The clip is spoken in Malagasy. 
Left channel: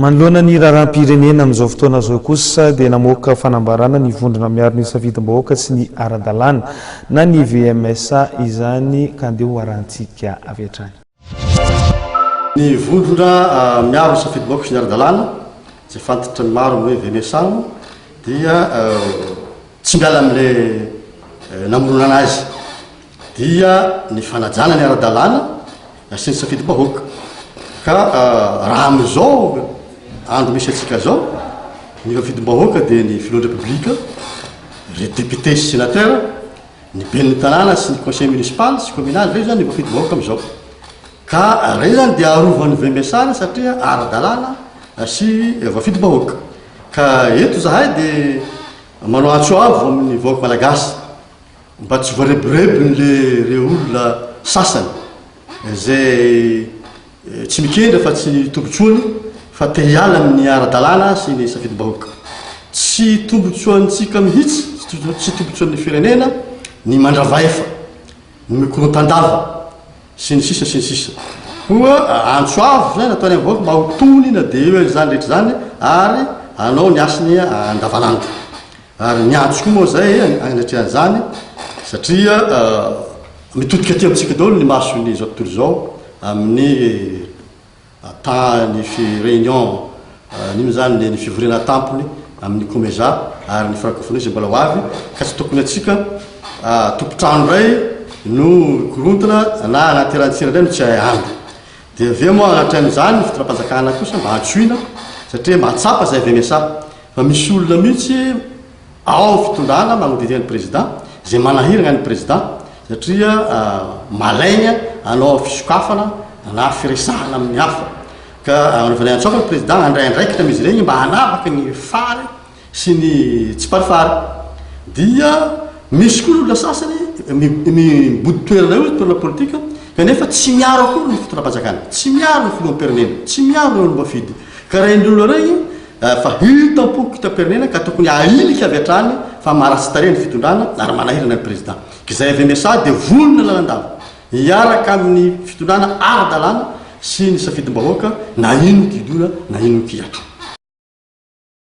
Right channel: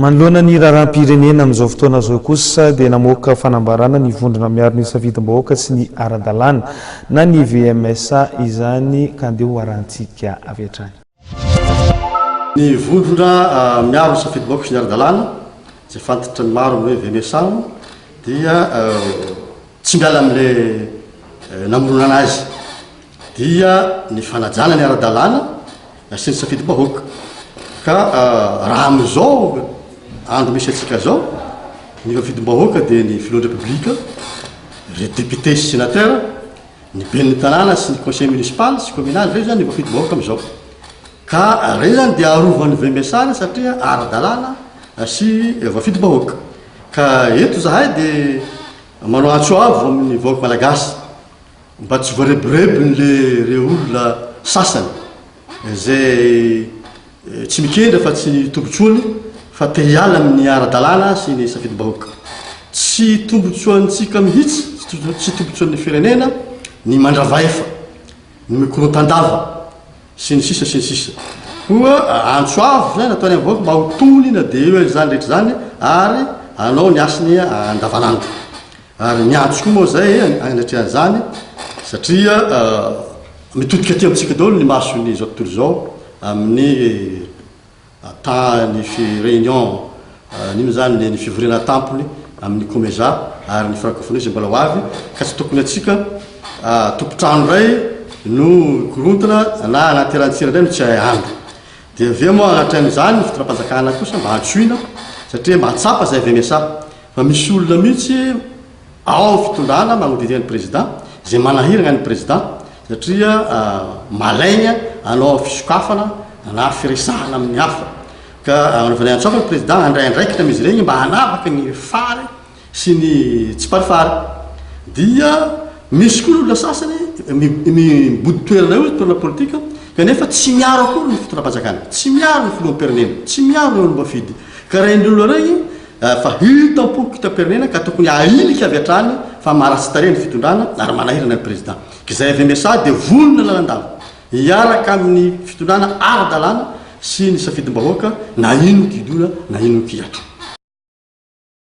manoloana ny raharam-pirenena amin'izao fotoana zao kosa dia namoaka fanambarana ny vondrona miaro ny safidim-bahoaka sy ny ara-dalàna na ny VMSA izany ka andeha ho arantsika avy hatrany. Ny vondrona miaro ny safidim-bahoaka sy ny ara-dalàna izay fantatra ny maro hoe VMSA dia tsy miala amin'ilay namorona anazy dia ny fanajana ny ara-dalàna sy ny safidim-bahoaka ka raha amin'izao andro misy atsika zao ny safidim-bahoaka dia ny filondra publika, les députés sy sénateurs, ny ben'ny tanàna sy ny conseil municipal sy communal reo zany ny safidim-bahoaka amin'izao ka reo zany dia arovan'ny VMSA satria ara-dalàna sy safidim-bahoaka ka eto zahay dia manao antso avo amin'ny vahoaka malagasy mba tsy voarebirebiny reo olona sasany zay tsy mikendra fa tsy tombotsoany fa te hiala amin'ny ara-dalàna sy ny safidim-bahoaka. Tsy tombotsoantsika mihitsy, tsy tombotsoan'ny firenena ny mandravaefa, ny mikorontandava sy ny sisa sy ny sisa. Koa antso avo zany nataony amin'ny vahoaka mba ho tony na dia eo zany rehetra zany ary anao ny asiny andavanandro. Ary ny antso koa moa zay anatrehan'izany satria mitodika aty amintsika daholo ny masony zao tontolo zao amin'ny temps ny réunion nino zany ny fivorena tampony amin'ny COMESA ary ny francophonie zay mbola ho avy ka tsy tokony atsika tompotrano ray no korontana na anaty rantsira ray no tsy hay andro dia aveo moa anaty amin'izany ny fitondram-panjakana kosa mba antsoina satria mahatsapa zay VMSA fa misy olona mihitsy ao fitondrana magnodidina ny président zay manahirana ny président satria malaigna anao fisokafana na firesahana amin'ny hafa ka anaovana antsofa ny président andray andraikitra amizy regny mba hanavaka ny fary sy ny tsy parifary dia misy koa olona sasany mibody toerana io toerana politika kanefa tsy miaro akory ny fitondram-panjakana, tsy miaro ny filoham-pirenena, tsy miaro ny olom-bafidy ka regny olona regny fa hitam-poko hitam-pirenena ka tokony ailika avy hatrany fa maharatsy tare ny fitondrana ary manahirana ny président ka izay VMSA dia volona lalandava hiaraka amin'ny fitondrana ara-dalàna sy ny safidim-bahoaka na ino kidona na ino kiatro.